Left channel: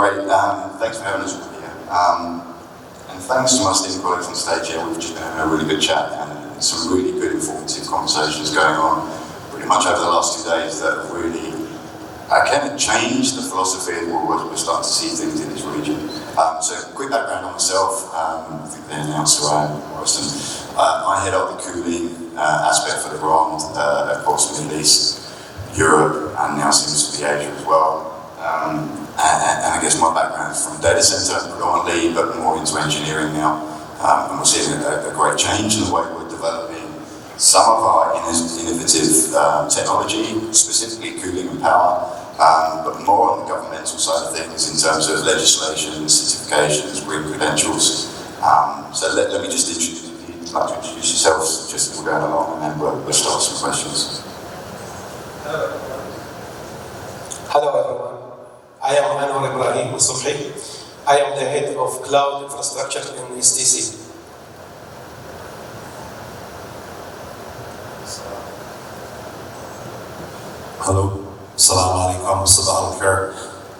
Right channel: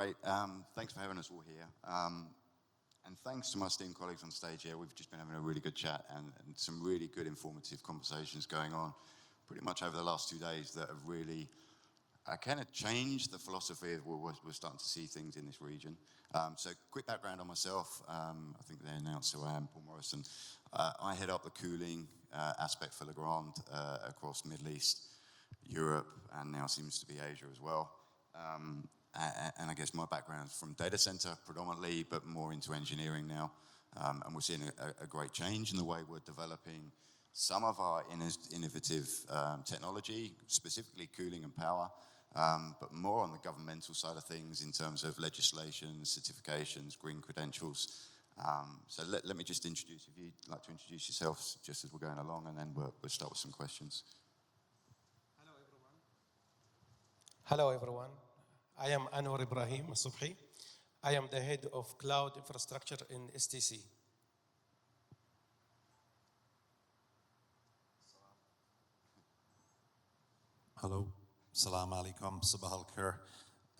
Great. Thanks for having us all here. And thanks to my esteemed colleagues on stage here. We've just been having a really good chat and some really good informative conversations going on pretty much over the last 2 days that have really kind of changed the philosophy of we're starting to see things in this region. So quick background on myself. I think they announced who I am, MORRISON. I head up the cooling aspect for the grant across the Middle East, Europe, and now seems to be Asia as well. And I guess my background is from data center predominantly, but more into engineering now. And we're seeing a great change in the way we're developing some of our innovative technology, specifically cooling and power, but more on the governmental side of things in terms of legislation, certifications, green credentials. So let me just introduce, if you'd like to introduce yourselves, just as we're going along, and then we'll start some questions. Hello everyone. I am ALSUBHI. I am the head of cloud infrastructure in STC. Hello. Assalamu alaikum. Sabah al-Khair.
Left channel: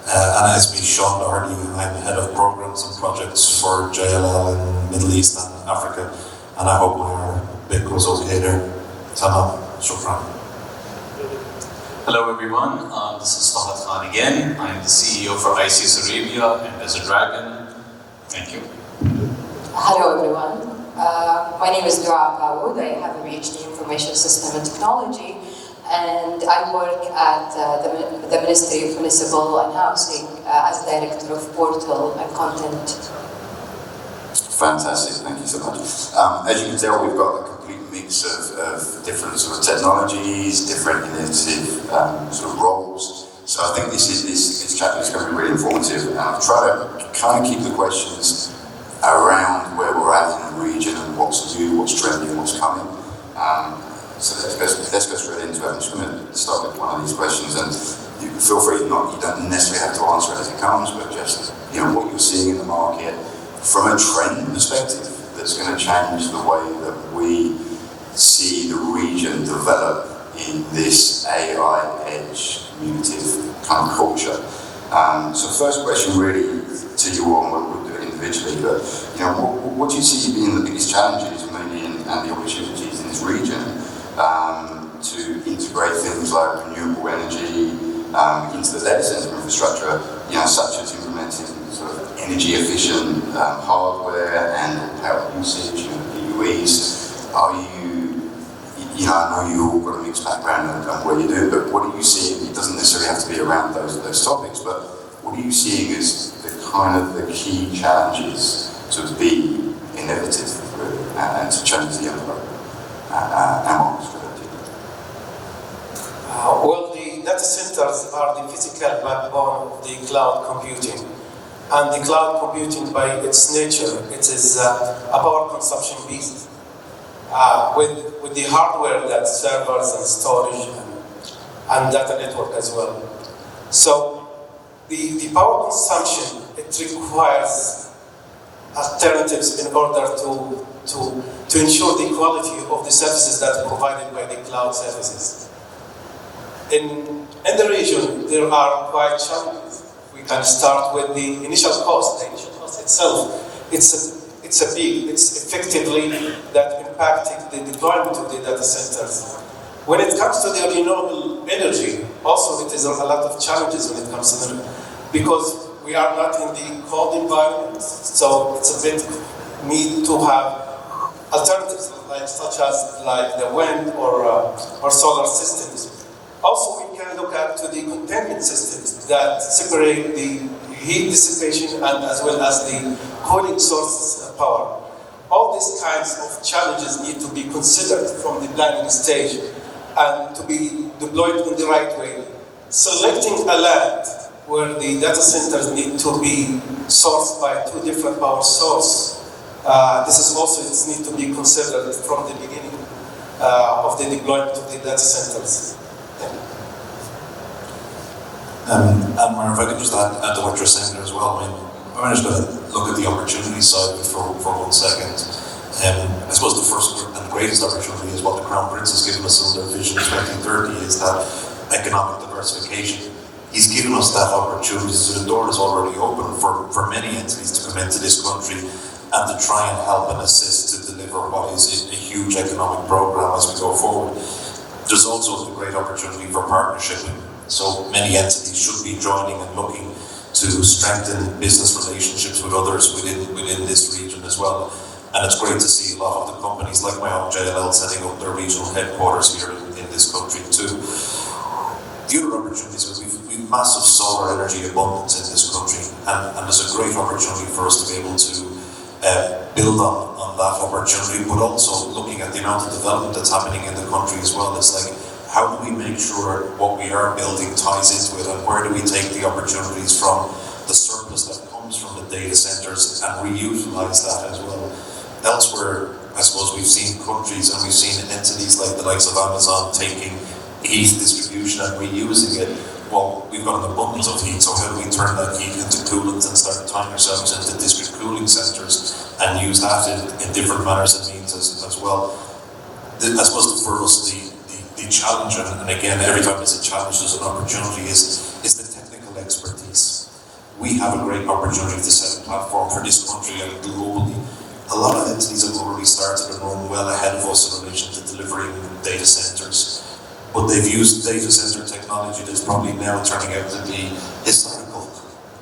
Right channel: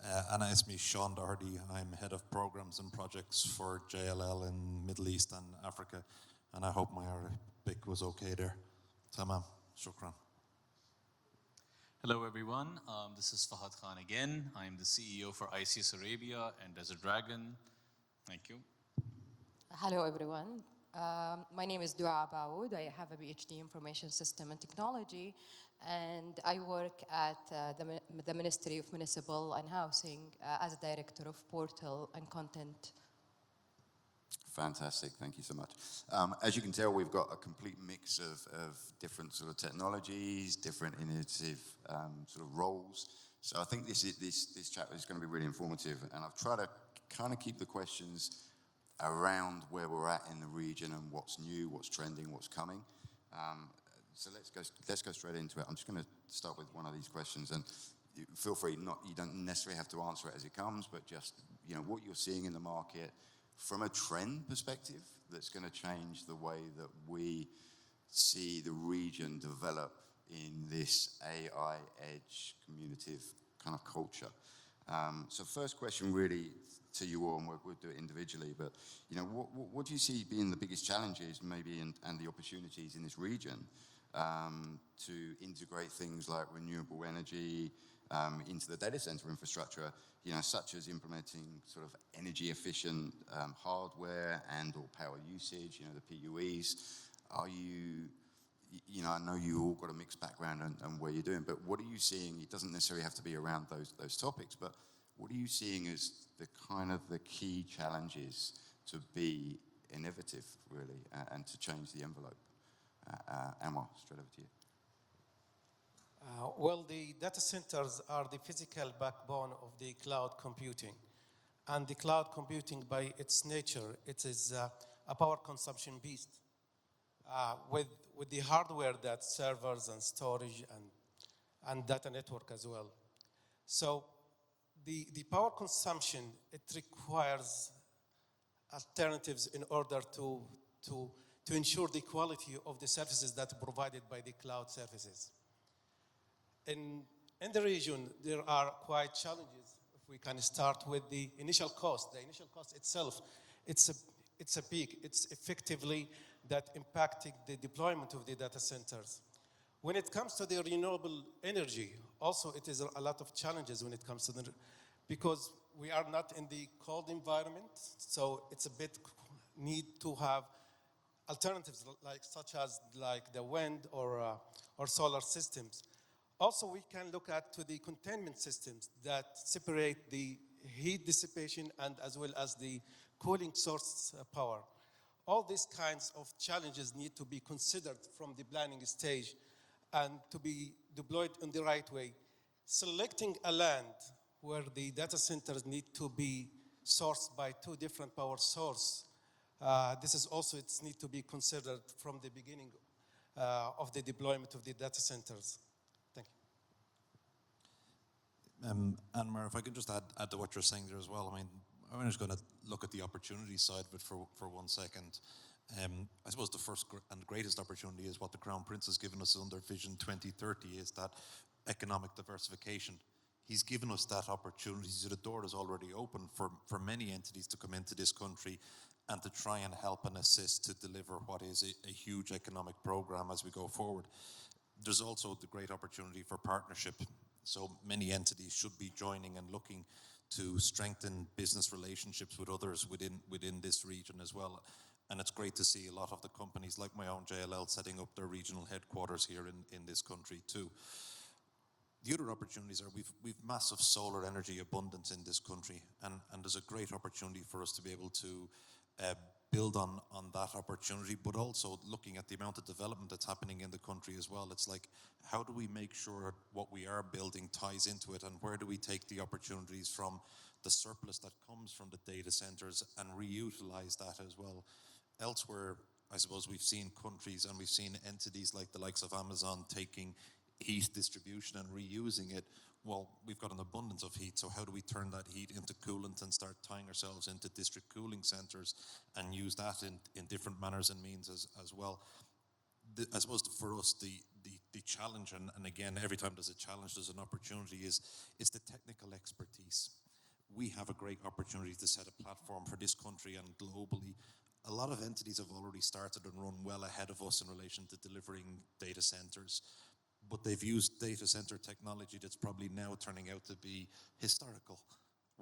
And as me, Sean Doherty, I'm head of programs and projects for JLL in Middle East and Africa. And I hope my bit goes okay there. Tamam. Shukran. Hello everyone, this is FAHAD again. I'm the CEO for ICS Arabia and Desert Dragon. Thank you. Hello everyone, my name is DUAA. I have a PhD in Information System and Technology, and I work at the Ministry of Municipal and Housing as Director of Portal and Content. Fantastic, thank you so much. As you can tell, we've got a complete mix of different sort of technologies, different innovative sort of roles. So I think this chapter is going to be really informative, and I'll try to kind of keep the questions around where we're at in the region and what's new, what's trending, what's coming. So let's go straight into it. I'm just going to start with one of these questions, and you feel free, you don't necessarily have to answer it as it comes, but just what you're seeing in the market from a trend perspective that's going to change the way that we see the region develop in this AI edge communicative kind of culture. So first question really to you all, we'll do it individually, but what do you see being the biggest challenges maybe and the opportunities in this region to integrate things like renewable energy into the data center infrastructure, such as implementing sort of energy efficient hardware and power usage, DUAs. Are you, I know you all got a mixed background on what you do, but what are you seeing? It doesn't necessarily have to be around those topics, but what are you seeing as the key challenges to be innovative and to change the envelope? Well, the data centers are the physical backbone of the cloud computing. And the cloud computing, by its nature, it is a power consumption beast. With the hardware, that servers and storage and data network as well. So the power consumption, it requires alternatives in order to ensure the quality of the services that are provided by the cloud services. In the region, there are quite challenges. We can start with the initial cost. The initial cost itself, it's effectively that impacting the deployment of the data centers. When it comes to the renewable energy, also it is a lot of challenges when it comes to the, because we are not in the cold environment, so it's a bit need to have alternatives such as the wind or solar systems. Also, we can look at to the containment systems that separate the heat dissipation and as well as the cooling source power. All these kinds of challenges need to be considered from the planning stage and to be deployed in the right way. Selecting a land where the data centers need to be sourced by two different power sources. This is also needs to be considered from the beginning of the deployment of the data centers. ANWAR, if I could just add to what you're saying there as well. I'm just going to look at the opportunity side for 1 second. I suppose the first and greatest opportunity is what the Crown Prince has given us in their Vision 2030 is that economic diversification. he's given us that opportunity. So the door is already open for many entities to come into this country and to try and help and assist to deliver what is a huge economic program as we go forward. There's also a great opportunity for partnership. So many entities should be joining and looking to strengthen business relationships with others within this region as well. And it's great to see a lot of the companies like my own JLL setting up their regional headquarters here in this country too. The other opportunities are we've massive solar energy abundance in this country, and there's a great opportunity for us to be able to build on that opportunity, but also looking at the amount of development that's happening in the country as well. It's like, how do we make sure what we are building ties into it, and where do we take the opportunities from the surplus that comes from the data centers and reutilize that as well? Elsewhere, I suppose we've seen countries and we've seen entities like the likes of Amazon taking heat distribution and reusing it. Well, we've got an abundance of heat, so how do we turn that heat into coolants and start tying ourselves into district cooling centres and use that in different manners and means as well? I suppose for us the challenge, and again, every time there's a challenge, there's an opportunity, is the technical expertise. We have a great opportunity to set a platform for this country and globally. A lot of entities have already started and run well ahead of us in relation to delivering data centres, but they've used data centre technology that's probably now turning out to be historical,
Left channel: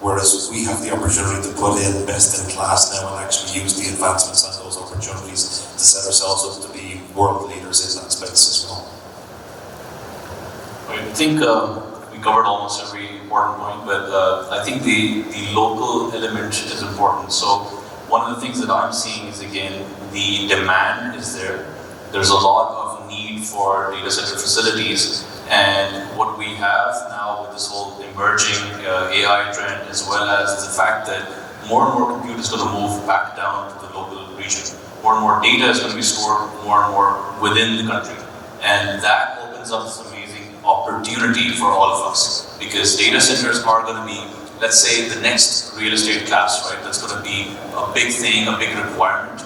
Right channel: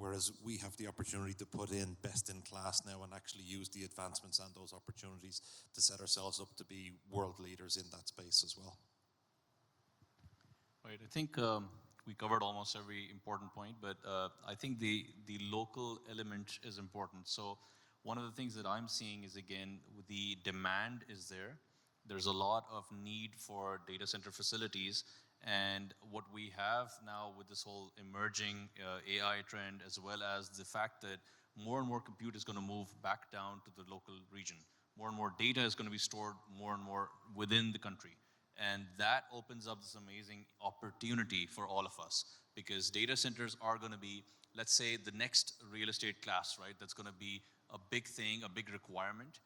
whereas we have the opportunity to put in best in class now and actually use the advancements and those opportunities to set ourselves up to be world leaders in that space as well. I think we covered almost every important point, but I think the local element is important. So one of the things that I'm seeing is, again, the demand is there. There's a lot of need for data center facilities, and what we have now with this whole emerging AI trend, as well as the fact that more and more compute is going to move back down to the local region. More and more data is going to be stored more and more within the country, and that opens up this amazing opportunity for all of us, because data centers are going to be, let's say, the next real estate class, right? That's going to be a big thing, a big requirement.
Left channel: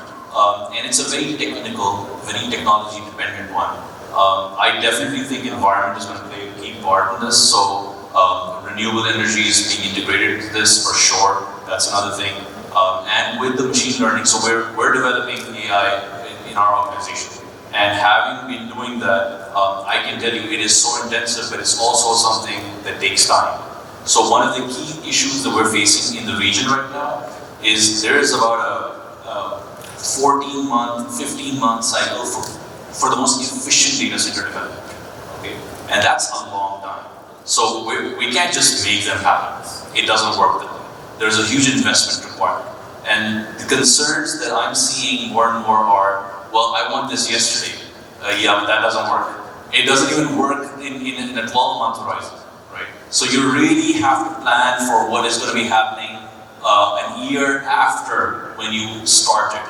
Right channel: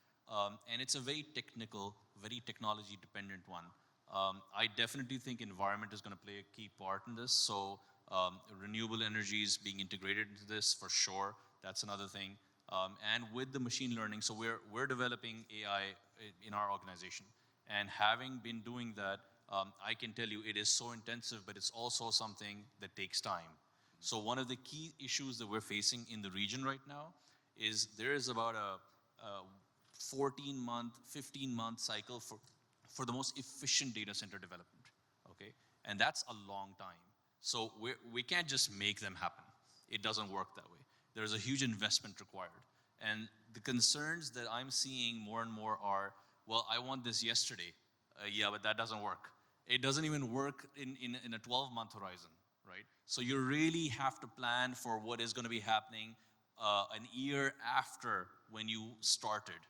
And it's a very technical, very technology dependent one. I definitely think environment is going to play a key part in this. So renewable energy is being integrated into this for sure. That's another thing. And with the machine learning, so we're developing AI in our organization. And having been doing that, I can tell you it is so intensive, but it's also something that takes time. So one of the key issues that we're facing in the region right now is there is about a 14-month, 15-month cycle for the most efficient data center development. Okay? And that's a long time. So we can't just make them happen. It doesn't work that way. There's a huge investment required. And the concerns that I'm seeing more and more are, well, I want this yesterday. Yeah, but that doesn't work. It doesn't even work in a 12-month horizon, right? So you really have to plan for what is going to be happening a year after when you start it.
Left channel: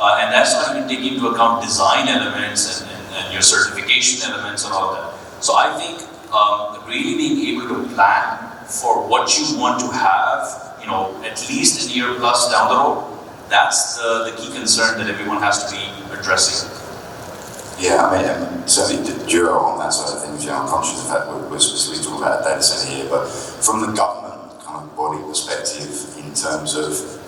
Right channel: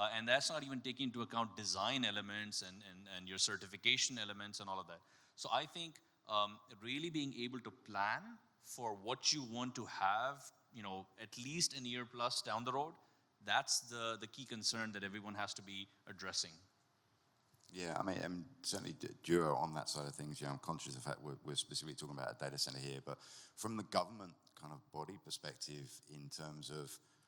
And that's not even taking into account design elements and your certification elements and all of that. So I think really being able to plan for what you want to have, at least a year plus down the road, that's the key concern that everyone has to be addressing. Yeah, I mean, certainly the DUAA on that side of things, I'm conscious of that we're specifically talking about a data center here, but from the government kind of body perspective in terms of,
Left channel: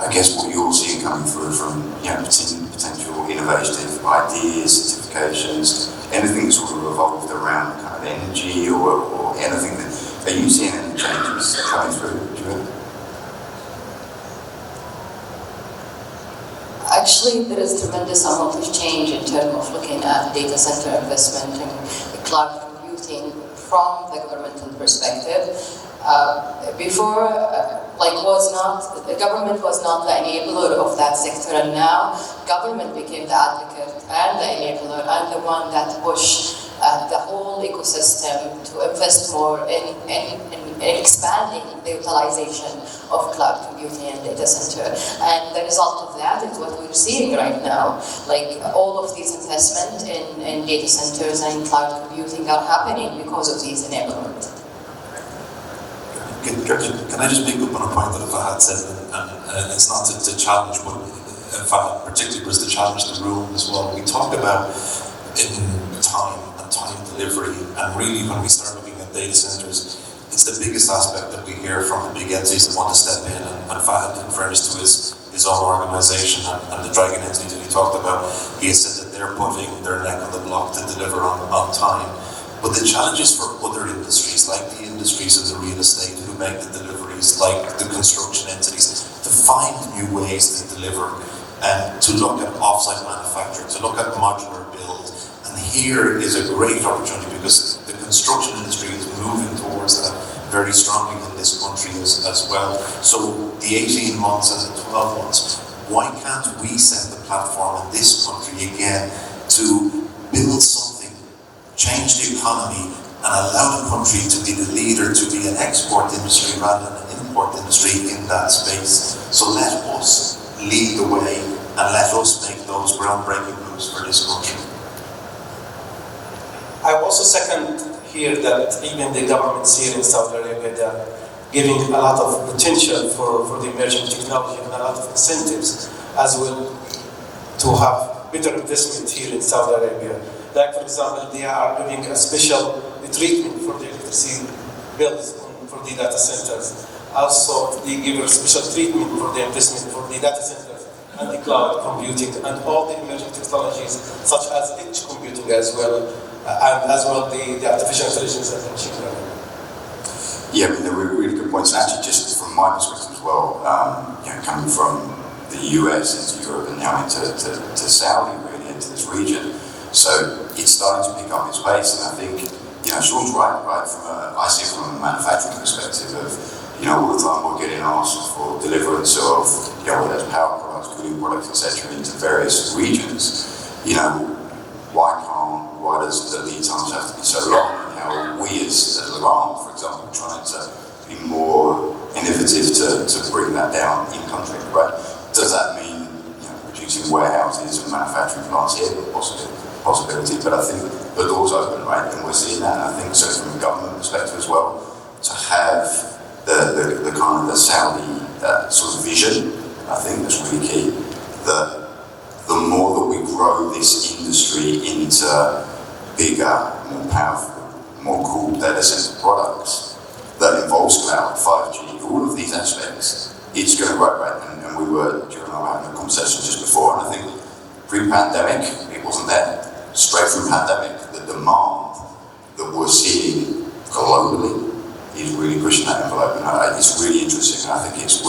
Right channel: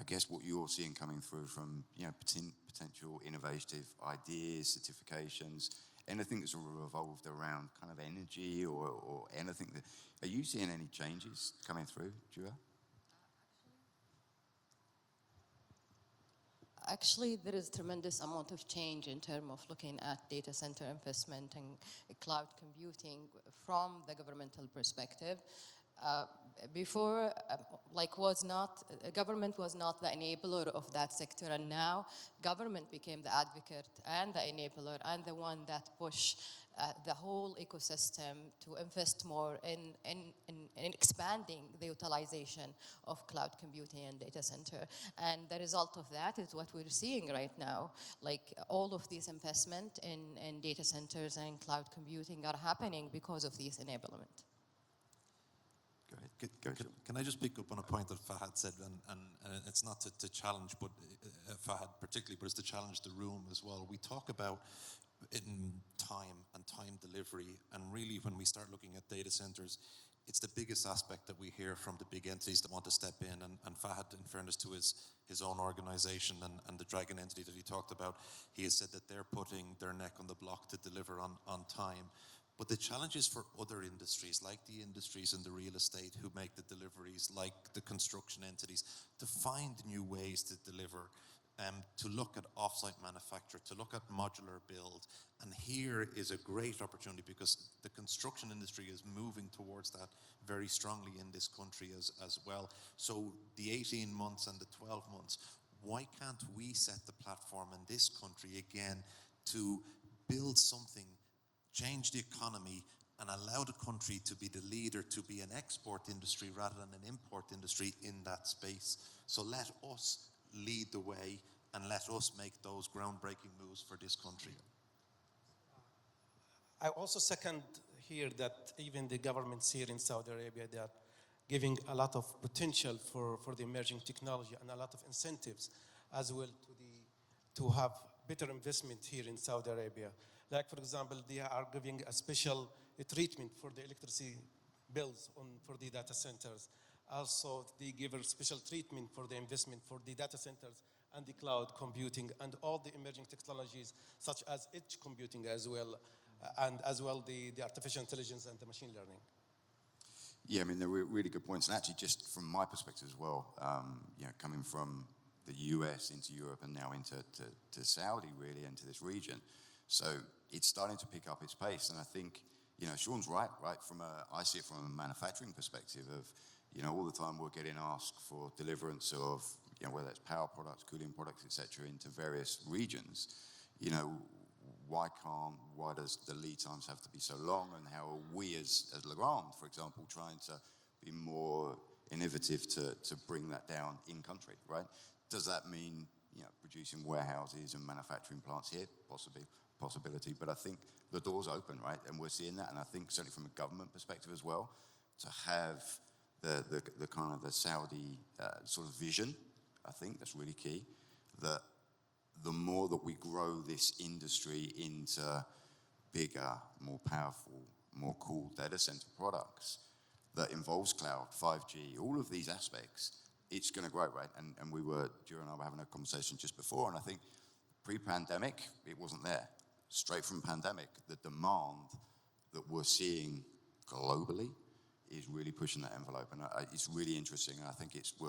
I guess, what you're seeing coming through from, potential innovative ideas, certifications, anything that's sort of evolved around kind of energy or anything that, are you seeing any changes coming through, DUAA? Actually, there is tremendous amount of change in terms of looking at data center investment and cloud computing from the governmental perspective. Before, the government was not the enabler of that sector, and now government became the advocate and the enabler and the one that pushed the whole ecosystem to invest more in expanding the utilization of cloud computing and data center. And the result of that is what we're seeing right now. Like all of these investment in data centers and cloud computing are happening because of these enablement. Can I just pick up on a point that FAHAD said, and it's not to challenge, but FAHAD particularly was to challenge the room as well. We talked about in time and time delivery, and really when we start looking at data centers, it's the biggest aspect that we hear from the big entities that want to step in, and FAHAD, in fairness to his own organisation and the Dragon entity that he talked about, he has said that they're putting their neck on the block to deliver on time. But the challenges for other industries, like the industries in the real estate who make the deliveries, like the construction entities, to find new ways to deliver and to look at offsite manufacturing, to look at modular build. And here is a great opportunity because the construction industry is moving towards that very strongly in this country as well. So the 18 months and the 12 months, why can't we set the platform in this country again to build something, change the economy, and allow the country to be the leader, to be an export industry rather than an import industry in that space. So let us lead the way and let us make those groundbreaking moves for this country. I also second here that even the governments here in Saudi Arabia, they are giving a lot of potential for the emerging technology and a lot of incentives as well to have better investment here in Saudi Arabia. Like, for example, they are doing a special treatment for the electricity bills for the data centers. Also, they give a special treatment for the investment for the data centers and the cloud computing and all the emerging technologies such as edge computing as well, and as well the artificial intelligence and machine learning. Yeah, I mean, there were really good points. Actually, just from my perspective as well, coming from the US into Europe and now into Saudi, really, into this region. So it's starting to pick up its pace, and I think, Sean's right? I see it from a manufacturing perspective of, all the time we're getting asked for deliverance of, whether it's power products, cooling products, etc., into various regions. Why does the lead times have to be so long? And how are we as LEGRAND, for example, trying to be more innovative to bring that down in country, right? Does that mean reducing warehouses and manufacturing plants here? Possibility, but I think the door's open, right? And we're seeing that, and I think so from a government perspective as well, to have the kind of the Saudi sort of vision, I think that's really key. The more that we grow this industry into bigger, more powerful, more cool data center products that involves cloud, 5G, all of these aspects, it's going to grow, right? And we were, during our having a conversation just before, and I think pre-pandemic, it wasn't there. Straight from pandemic, the demand that we're seeing globally is really pushing that envelope, and it's really interesting. And I think it's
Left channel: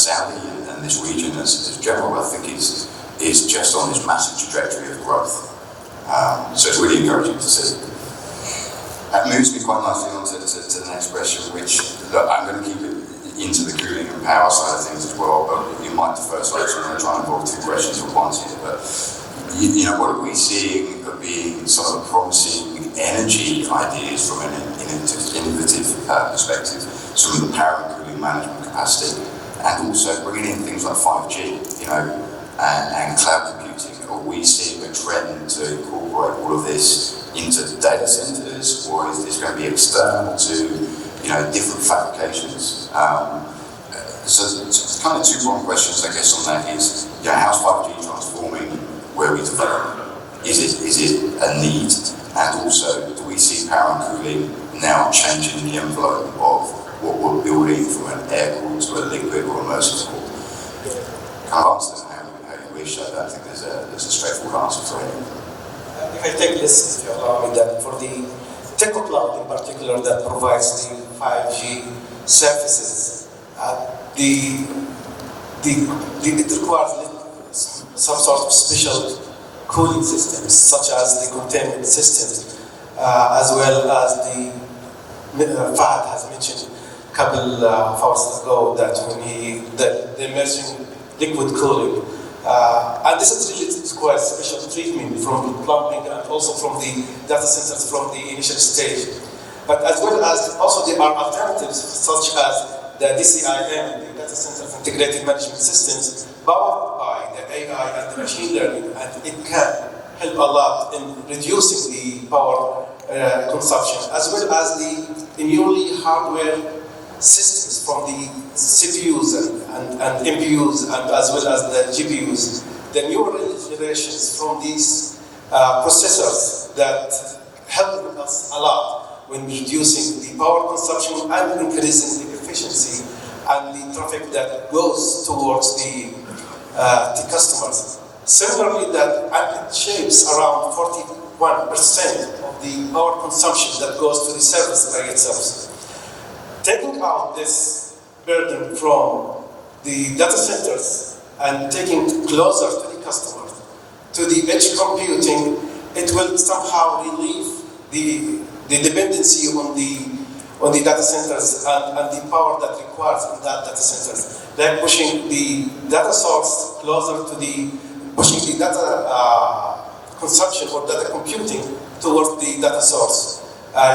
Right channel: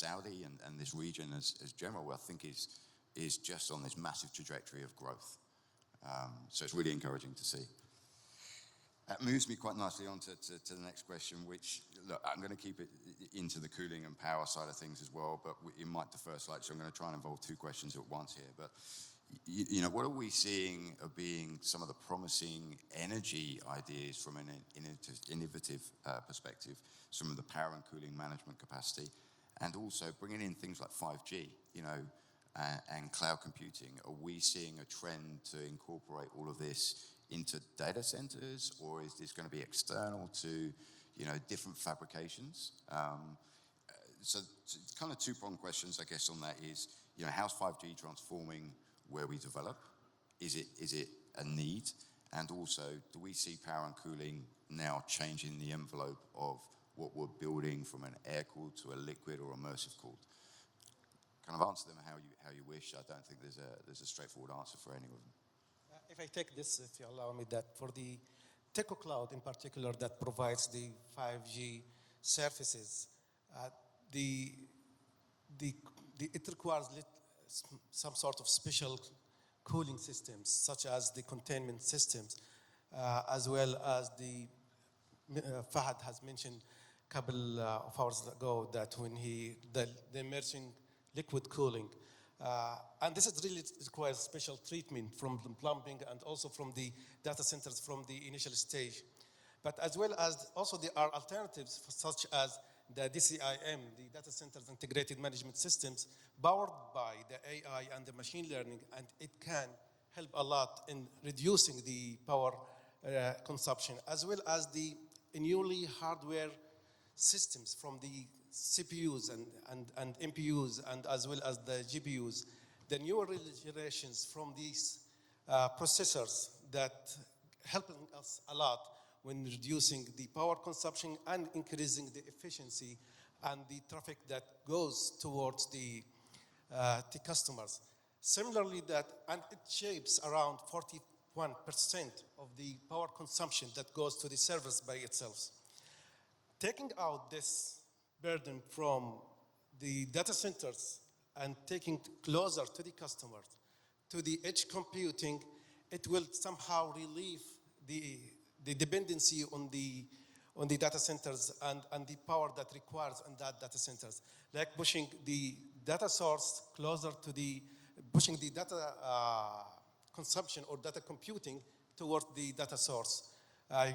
Saudi and this region as general, I think is just on this massive trajectory of growth. So it's really encouraging to see. That moves me quite nicely on to the next question, which I'm going to keep it into the cooling and power side of things as well, but you might defer slightly, so I'm going to try and involve two questions at once here. But what are we seeing of being some of the promising energy ideas from an innovative perspective, some of the power and cooling management capacity, and also bringing in things like 5G, and cloud computing? Are we seeing a trend to incorporate all of this into data centers, or is this going to be external to different fabrications? So it's kind of two-pronged questions, I guess, on that is, how's 5G transforming where we develop? Is it a need? And also, do we see power and cooling now changing the envelope of what we're building from an air-cooled to a liquid or immersive cooled? Kind of answer how you wish. I don't think there's a straightforward answer for it. If I take this, if you allow me, that for the Telecom Cloud in particular that provides the 5G services, it requires some sort of special cooling systems, such as the containment systems, as well as the FAHAD has mentioned a couple of hours ago that the immersion liquid cooling. And this is really requires special treatment from the plumbing and also from the data centers from the initial stage. But as well as also there are alternatives such as the DCCI, the Data Center Integrated Management Systems, powered by the AI and the machine learning, and it can help a lot in reducing the power consumption, as well as the newly hardware systems from the CPUs and MPUs, and as well as the GPUs, the newer generations from these processors that help us a lot when reducing the power consumption and increasing the efficiency and the traffic that goes towards the customers. Similarly, that it shapes around 41% of the power consumption that goes to the service by itself. Taking out this burden from the data centers and taking closer to the customer, to the edge computing, it will somehow relieve the dependency on the data centers and the power that requires in that data centers. Like pushing the data source closer to pushing the data consumption or data computing towards the data source,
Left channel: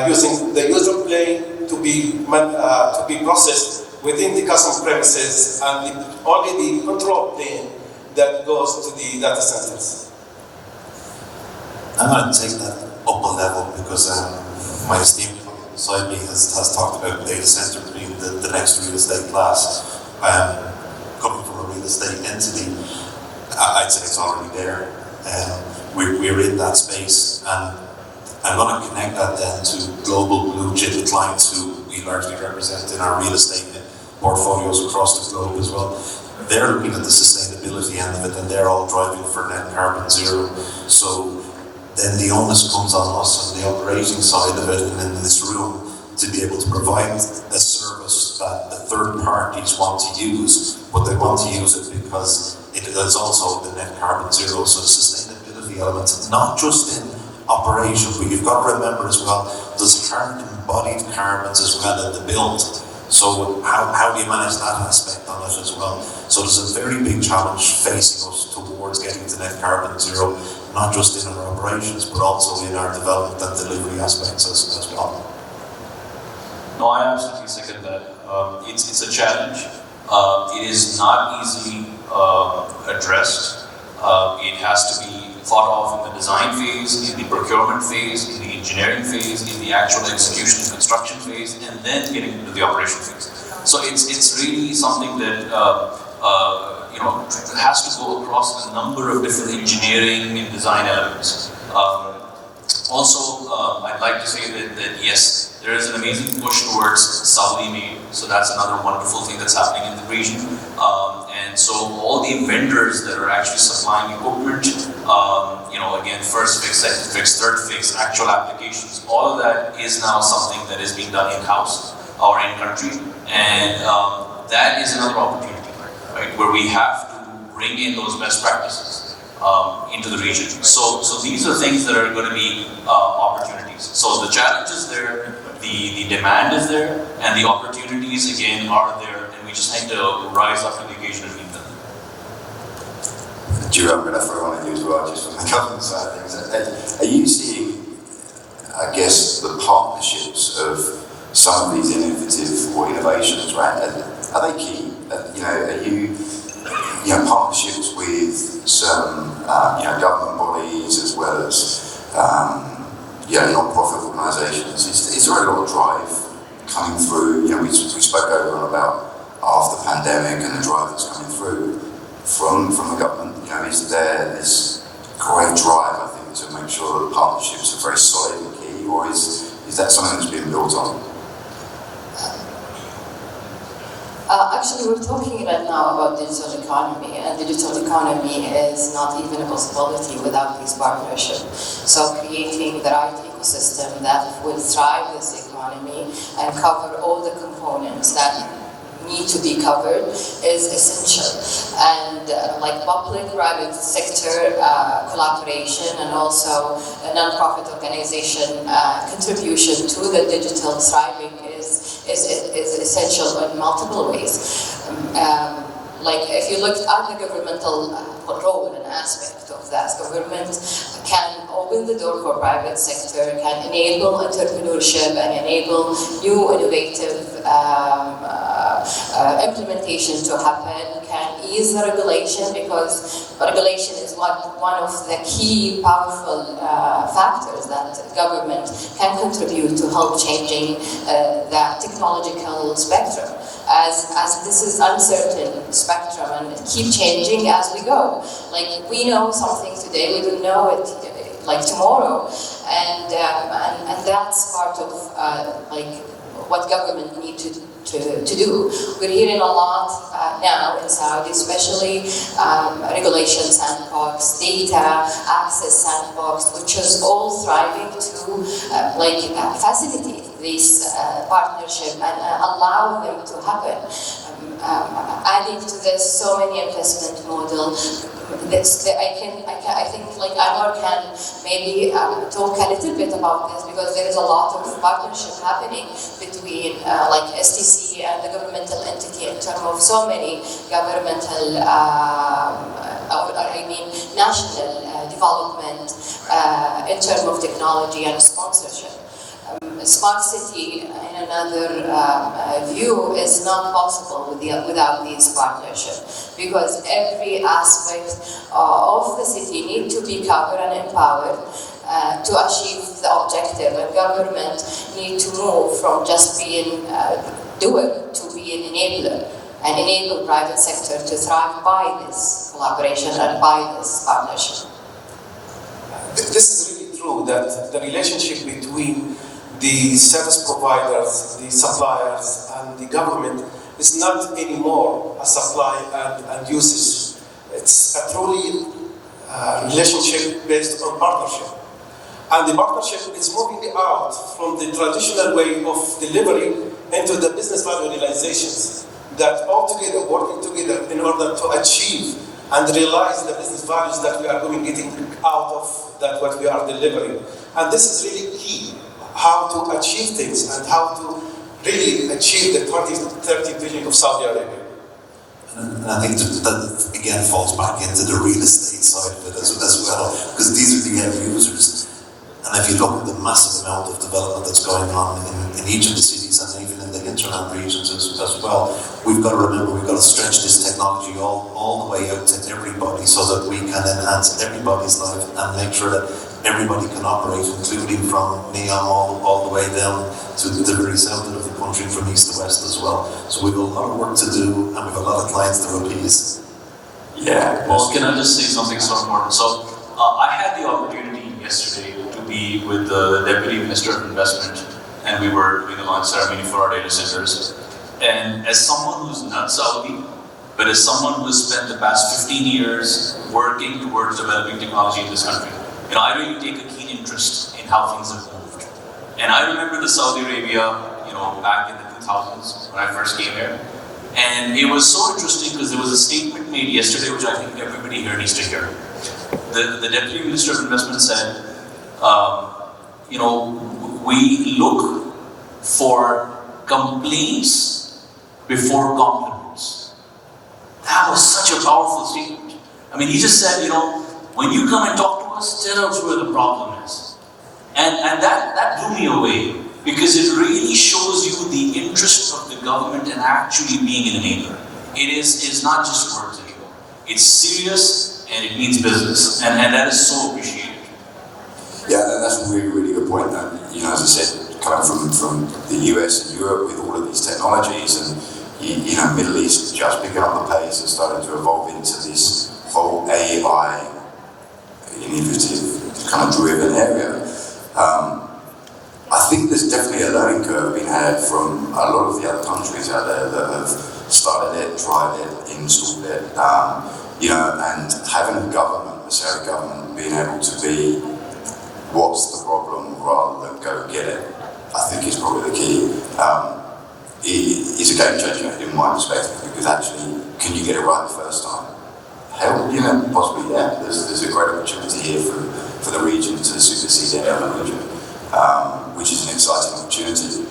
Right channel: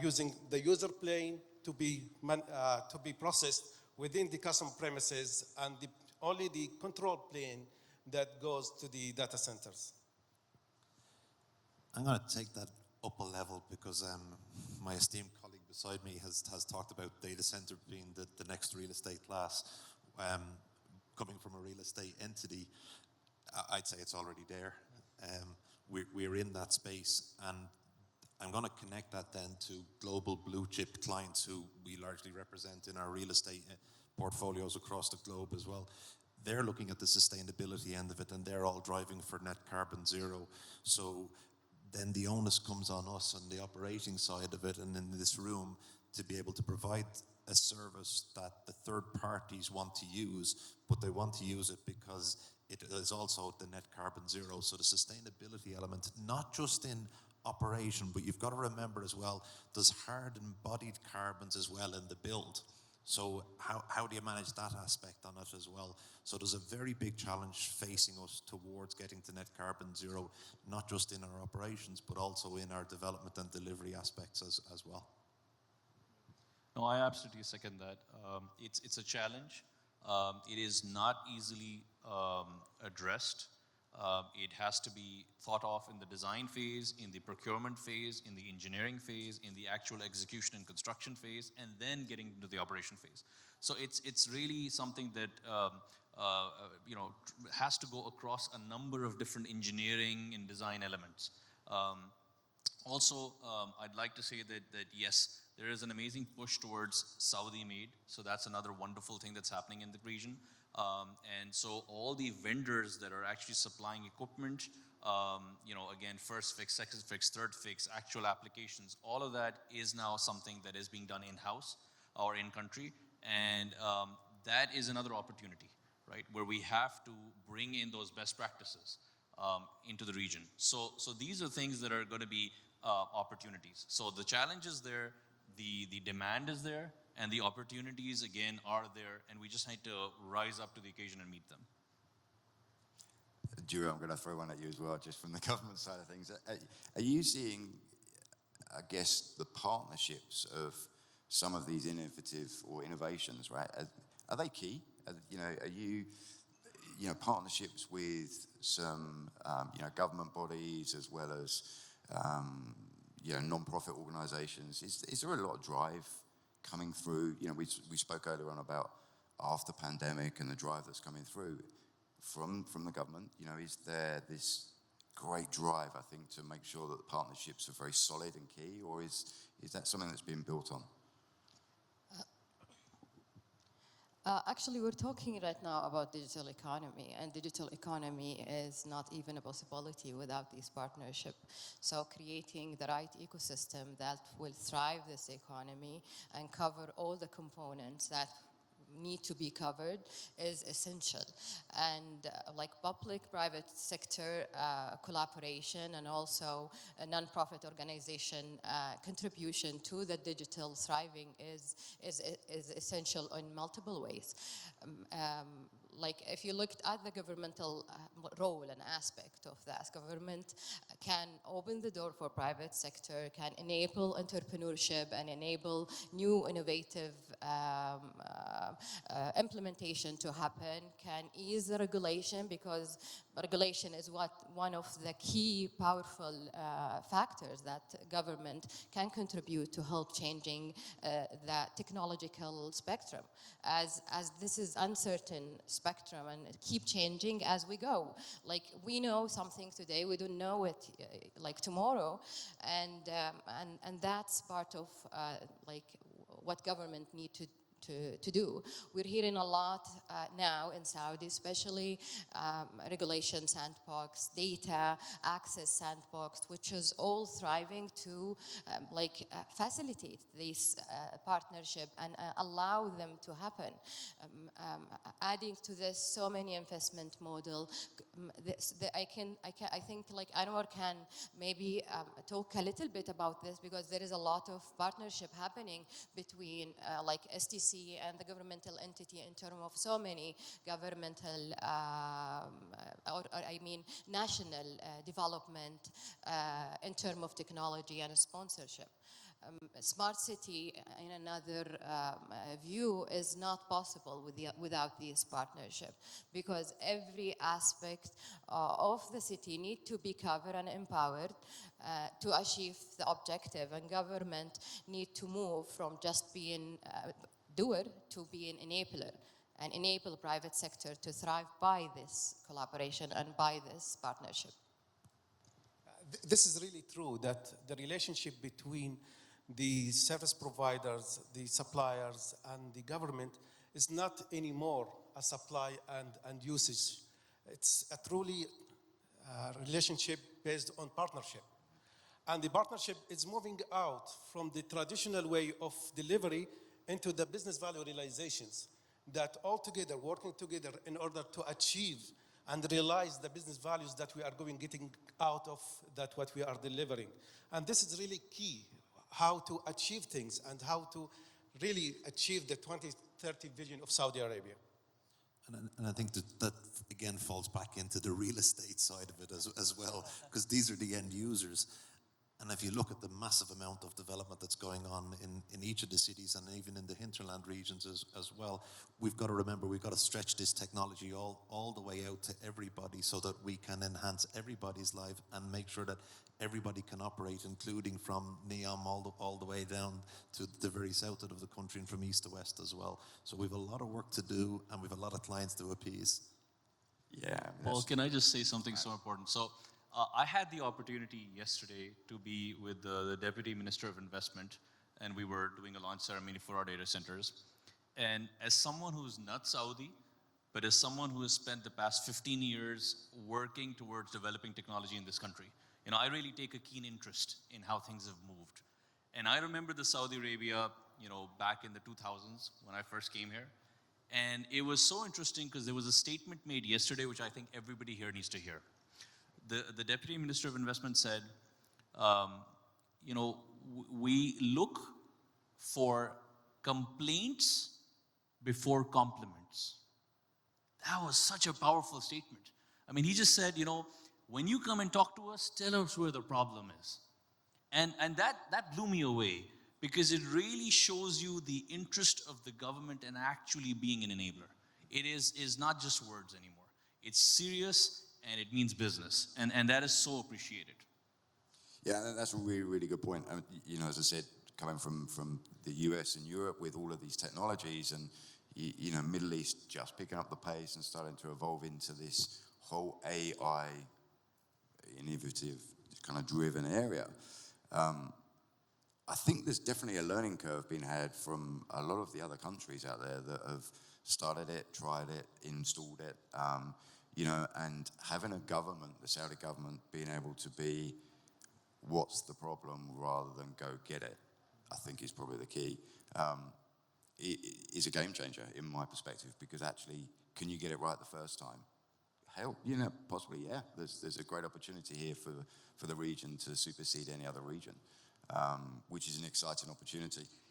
using the user plane to be processed within the customer premises and only the control plane that goes to the data centers. I'm going to take that up a level because my esteemed colleague beside me has talked about data center being the next real estate class. Coming from a real estate entity, I'd say it's already there. We're in that space, and I'm going to connect that then to global blue chip clients who we largely represent in our real estate portfolios across the globe as well. They're looking at the sustainability end of it, and they're all driving for net carbon zero. So then the onus comes on us on the operating side of it, and in this room, to be able to provide a service that the third parties want to use, but they want to use it because it is also the net carbon zero. So the sustainability elements, not just in operation, but you've got to remember as well, there's embodied carbons as well in the build. So how do you manage that aspect on it as well? So there's a very big challenge facing us towards getting to net carbon zero, not just in our operations, but also in our development and delivery aspects as well. No, I absolutely second that. It's a challenge. It is not easily addressed. It has to be thought of in the design phase, in the procurement phase, in the engineering phase, in the actual execution and construction phase, and then getting into the operation phase. So it's really something that has to go across a number of different engineering and design elements. Also, I'd like to say that yes, there is an amazing push towards Saudi made, so that's another wonderful thing that's happening in the region. And so all the vendors that are actually supplying equipment, again, first fix, second fix, third fix, actual applications, all of that is now something that is being done in-house or in-country. And that is another opportunity, right, where we have to bring in those best practices into the region. So these are things that are going to be opportunities. So the challenge is there, the demand is there, and the opportunities again are there, and we just need to rise up to the occasion and meet them. Drew, I'm going to throw on at you as well, just from the government side of things. Are you seeing, I guess, the partnerships of some of these innovative or innovations, right? Are they key? Are you partnerships with some government bodies as well as non-profit organisations? Is there a lot of drive coming through? We spoke over about after the pandemic and the drive that's coming through from the government. Is there this great drive, I think, to make sure that partnerships are very solid and key, or is that something that's being built on? Actually, we're talking right now about digital economy, and digital economy is not even a possibility without these partnerships. So creating the right ecosystem that will drive this economy and cover all the components that need to be covered is essential. And like public-private sector collaboration and also a non-profit organization contribution to the digital thriving is essential in multiple ways. Like if you looked at the governmental role and aspect of that, government can open the door for private sector, can enable entrepreneurship and enable new innovative implementation to happen, can ease the regulation, because regulation is one of the key powerful factors that government can contribute to help changing the technological spectrum. As this is uncertain spectrum and it keep changing as we go. Like we know something today, we don't know it like tomorrow. and that's part of like what government need to do. We're hearing a lot now in Saudi, especially regulation sandbox, data access sandbox, which is all thriving to facilitate this partnership and allow them to happen. Adding to this, so many investment models. I think like ANWAR can maybe talk a little bit about this, because there is a lot of partnership happening between like STC and the governmental entity in terms of so many governmental, national development in terms of technology and sponsorship. Smart city, in another view, is not possible without these partnerships, because every aspect of the city needs to be covered and empowered to achieve the objective, and government need to move from just being a doer to be an enabler, and enable private sector to thrive by this collaboration and by this partnership. This is really true, that the relationship between the service providers, the suppliers, and the government is not anymore a supply and usage. It's a truly relationship based on partnership. And the partnership is moving out from the traditional way of delivery into the business value realizations, that all together, working together in order to achieve and realize the business values that we are getting out of that what we are delivering. And this is really key, how to achieve things and how to really achieve the 20-30 billion of Saudi Arabia. And I think that again falls back into the real estate side of it as well, because these are the end users. And if you look at the massive amount of development that's going on in each of the cities and even in the hinterland regions as well, we've got to remember we've got to stretch this technology all the way out to everybody, so that we can enhance everybody's life and make sure that everybody can operate, including from Neom all the way down to the very south of the country, from east to west as well. So we've a lot of work to do, and we've a lot of clients to appease. Yeah, well, can I just say something so important? So I had the opportunity yesterday to be with the Deputy Minister of Investment, and we were doing the launch ceremony for our data centers. And as someone who's not Saudi, but as someone who's spent the past 15 years working towards developing technology in this country, I really take a keen interest in how things have moved. And I remember the Saudi Arabia, back in the 2000s when I first came here. And it was so interesting because there was a statement made yesterday, which I think everybody here needs to hear. The Deputy Minister of Investment said, we look for complaints before compliments. That was such a powerful statement. I mean, he just said, when you come and talk to us, tell us where the problem is. And that blew me away, because it really shows you the interest of the government in actually being an enabler. It's not just words anymore. It's serious and it means business, and that is so appreciated. Yeah, that's a really, really good point. As I said, coming from the US and Europe with all of these technologies, and Middle East just picking up the pace and starting to evolve into this whole AI innovative kind of driven area. I think there's definitely a learning curve being had from a lot of the other countries out there that have started it, tried it, installed it, and having a government, the Saudi government, being able to be what's the problem rather than go get it, I think is probably the key. It's a game changer in my perspective, because actually, can you get it right the first time? Hell, possibly, yeah. There's a great opportunity here for the region to supersede any other region, which is an exciting opportunity.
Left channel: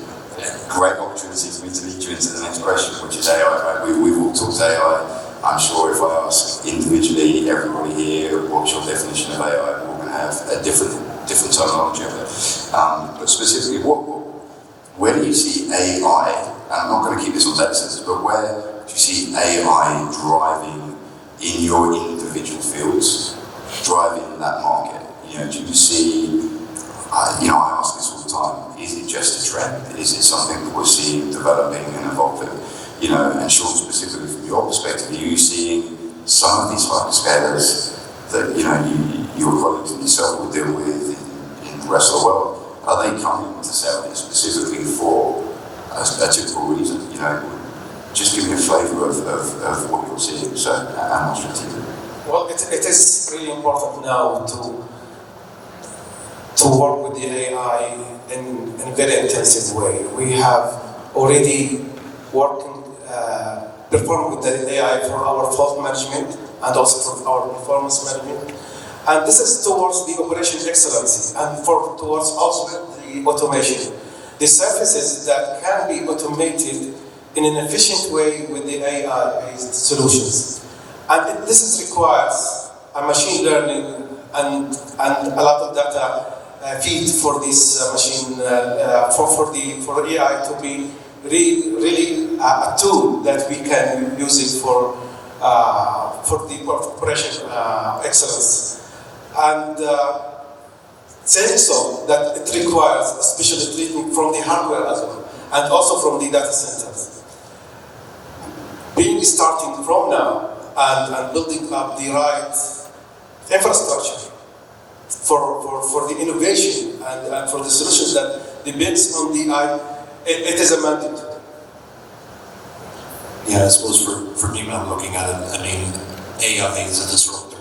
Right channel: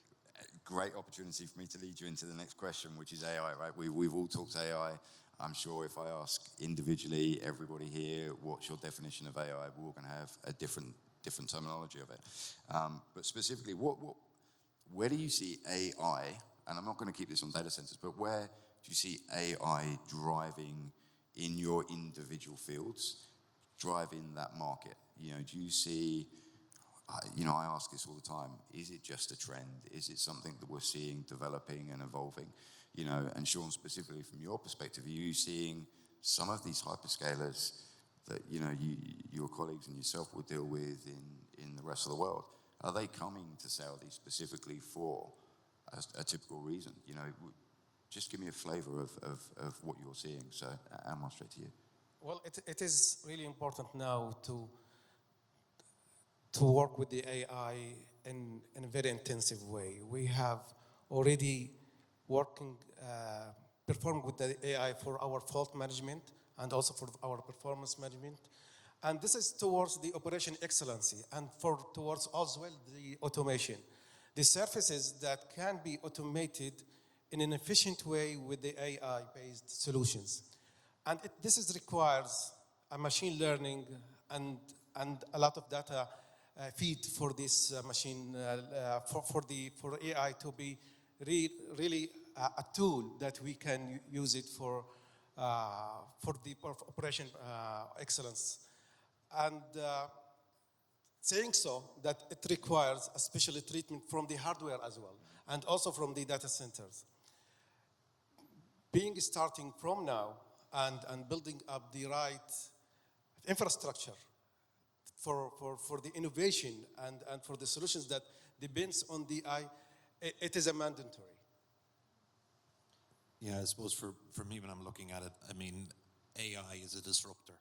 Great opportunity for me to lead you into the next question, which is AI. Right? We've all talked AI. I'm sure if I ask individually everybody here, what's your definition of AI, we're going to have a different terminology of it. But specifically, where do you see AI? And I'm not going to keep this on data centers, but where do you see AI driving in your individual fields, driving that market? Do you see, I ask this all the time, is it just a trend? Is it something that we're seeing developing and evolving? And Sean, specifically from your perspective, are you seeing some of these hyperscalers that, your colleagues and yourself will deal with in the rest of the world, are they coming to Saudi specifically for a typical reason? You know, just give me a flavour of what you're seeing, so, and what's strategic. Well, it is really important now to work with the AI in a very intensive way. We have already performed with the AI for our fault management and also for our performance management. And this is towards the operation excellence and towards also the automation. The services that can be automated in an efficient way with the AI-based solutions. And this requires a machine learning and a lot of data feed for this machine, for AI to be really a tool that we can use it for the operation excellence. And saying so, that it requires a special treatment from the hardware as well, and also from the data centers. Starting from now and building up the right infrastructure for the innovation and for the solutions that depends on the AI, it is a mandate. Yeah, I suppose for me when I'm looking at it, I mean, AI is a disruptor.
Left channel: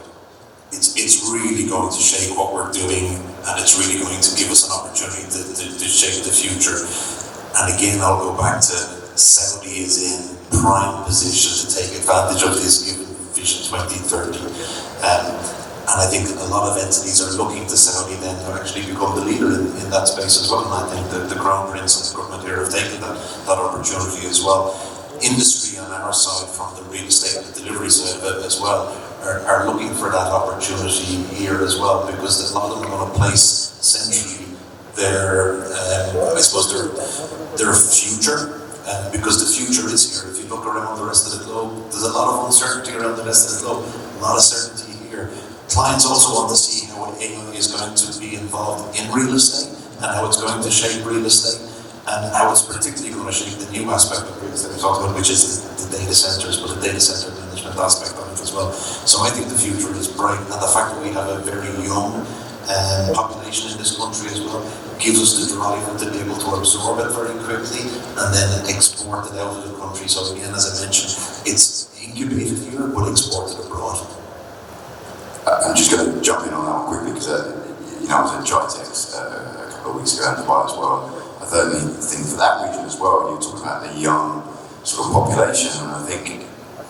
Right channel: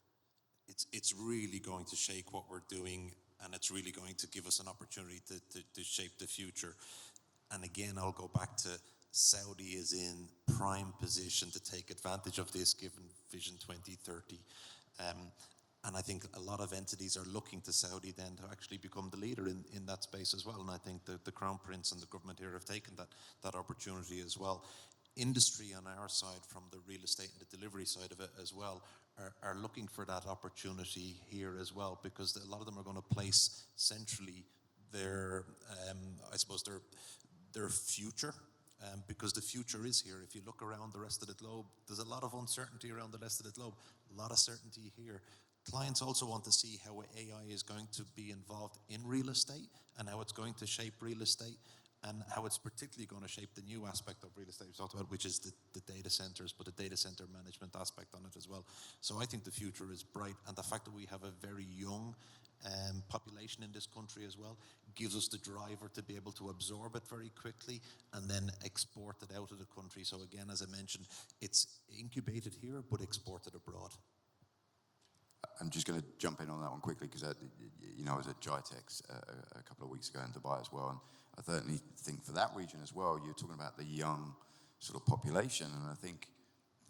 It's really going to shape what we're doing, and it's really going to give us an opportunity to shape the future. And again, I'll go back to Saudi is in prime position to take advantage of this given Vision 2030. And I think a lot of entities are looking to Saudi then to actually become the leader in that space as well. And I think that the Crown Prince and the government here have taken that opportunity as well. Industry on our side, from the real estate and the delivery side of it as well, are looking for that opportunity here as well, because a lot of them are going to place centrally their, I suppose, their future, because the future is here. If you look around the rest of the globe, there's a lot of uncertainty around the rest of the globe, a lot of certainty here. Clients also want to see how AI is going to be involved in real estate and how it's going to shape real estate and how it's particularly going to shape the new aspect of real estate we talked about, which is the data centers, but the data center management aspect of it as well. So I think the future is bright, and the fact that we have a very young population in this country as well gives us the drive to be able to absorb it very quickly and then export it out of the country. So again, as I mentioned, it's incubated here but exported abroad. I'm just going to jump in on that one quickly because you know, I was at Tritex a couple of weeks ago in Dubai as well. I certainly think for that region as well, you talk about the young sort of population, and I think,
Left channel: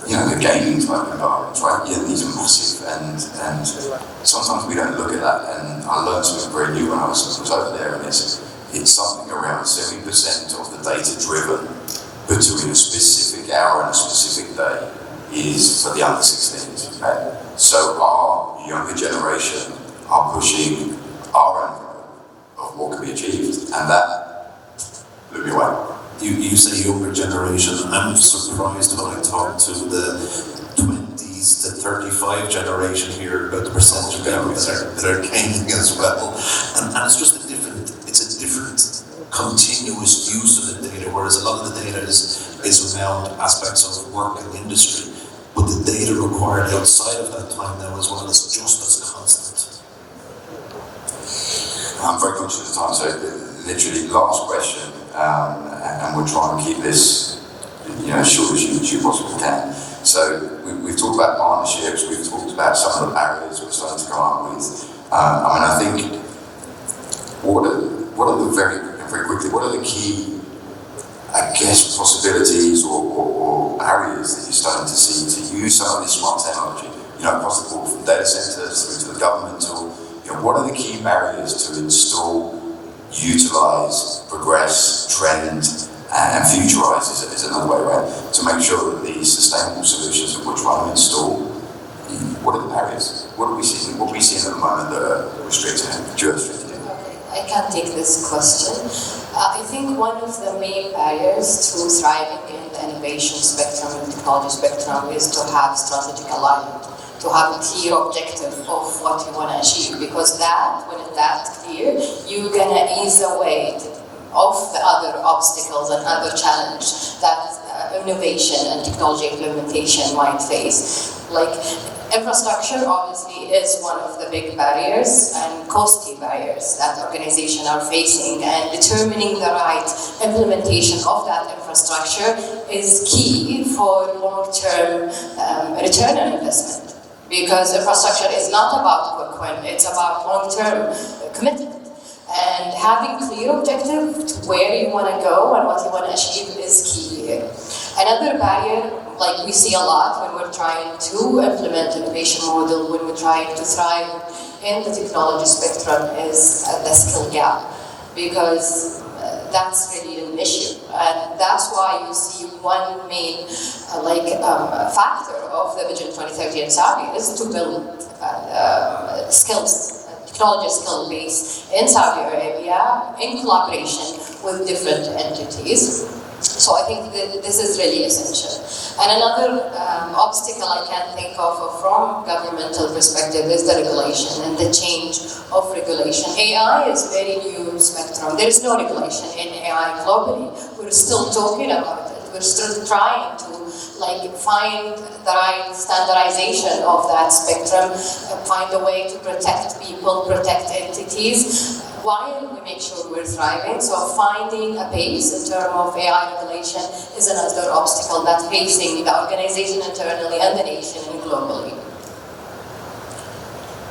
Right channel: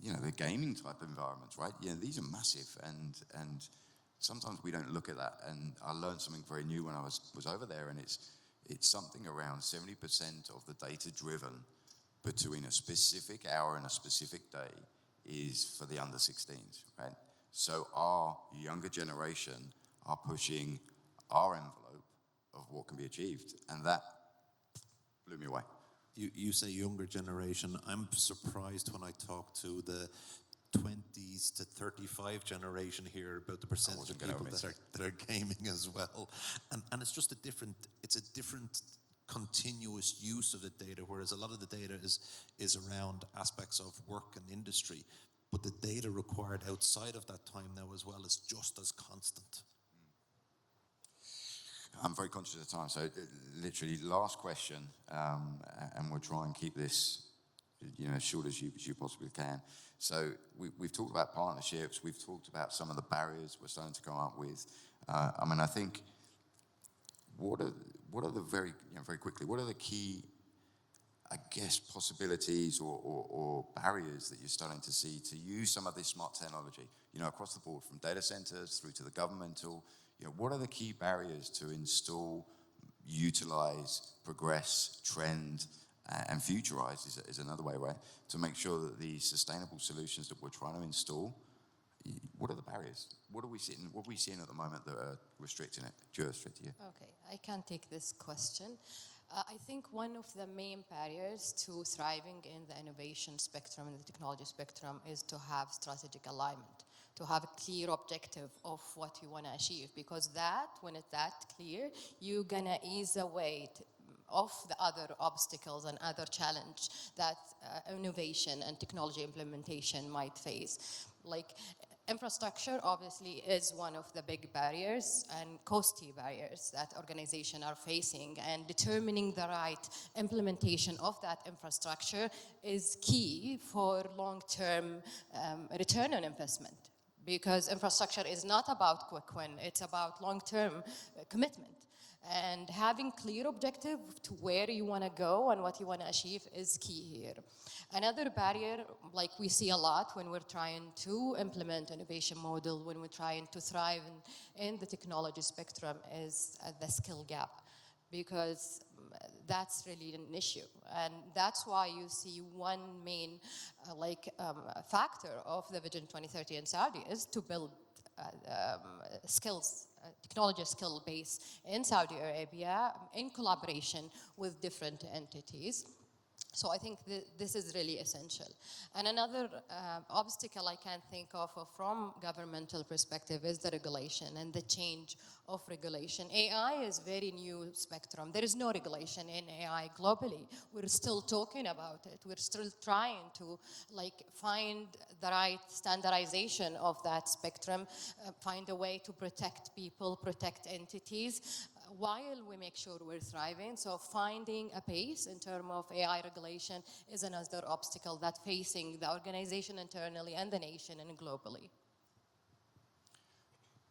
you know, the gaming type environments, right? Yeah, these are massive, and sometimes we don't look at that. And I learned something very new when I was over there, and it's something around 70% of the data driven between a specific hour and a specific day is for the under 16s. Okay? So our younger generation are pushing our envelope of what can be achieved, and that blew me away. You say younger generation. I'm surprised when I talk to the 20s to 35 generation here about the percentage of people that are gaming as well. And it's just a different continuous use of the data, whereas a lot of the data is around aspects of work and industry. But the data required outside of that time now as well is just as constant. I'm very conscious of time, so literally last question, and we'll try and keep this, you know, as short as you possibly can. So we've talked about partnerships, we've talked about some of the barriers we're starting to come up with. I think what are the very quickly, what are the key, I guess, possibilities or barriers that you're starting to see to use some of this smart technology, you know, across the board, from data centers through to the government, or, you know, what are the key barriers to install, utilize, progress, trend, and futurize is another way, right? To make sure that the sustainable solutions that we're trying to install, what are the barriers? What are we seeing? What are we seeing at the moment that are restricting it? I can take this question. I think one of the main barriers to thriving in the innovation spectrum and technology spectrum is to have strategic alignment, to have a clear objective of what you want to achieve, because when that's clear, you're going to ease away of the other obstacles and other challenges that innovation and technology implementation might face. Like, Infrastructure obviously is one of the big barriers and costly barriers that organizations are facing, and determining the right implementation of that infrastructure is key for long-term return on investment. Because infrastructure is not about quick win, it's about long-term commitment. And having clear objective to where you want to go and what you want to achieve is key here. Another barrier, like we see a lot when we're trying to implement innovation model, when we're trying to thrive in the technology spectrum, is the skill gap, because that's really an issue. And that's why you see one main factor of the Vision 2030 in Saudi is to build skills, technology skill base in Saudi Arabia in collaboration with different entities. So I think this is really essential. And another obstacle I can think of from governmental perspective is the regulation and the change of regulation. AI is very new spectrum. There is no regulation in AI globally. We're still talking about it. We're still trying to find the right standardization of that spectrum, find a way to protect people, protect entities, while we make sure we're thriving. So finding a pace in terms of AI regulation is another obstacle that's facing the organization internally and the nation and globally.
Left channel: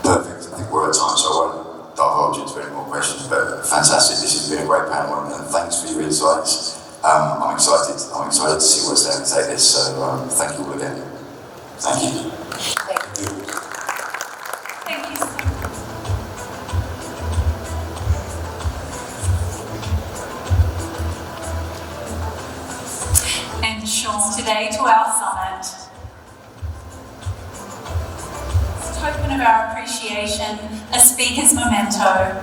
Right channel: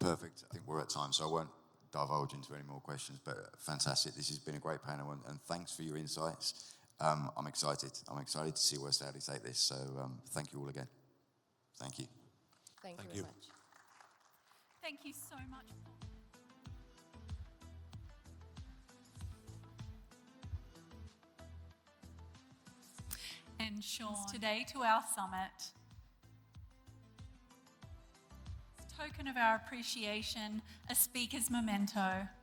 Perfect. I think we're at time, so I won't divulge into any more questions, but fantastic. This has been a great panel, and thanks for your insights. I'm excited to see what's there to take this, so thank you all again. Thank you. Thank you. Thank you. And Sean, today to our summit, as a token of our appreciation, a speaker's memento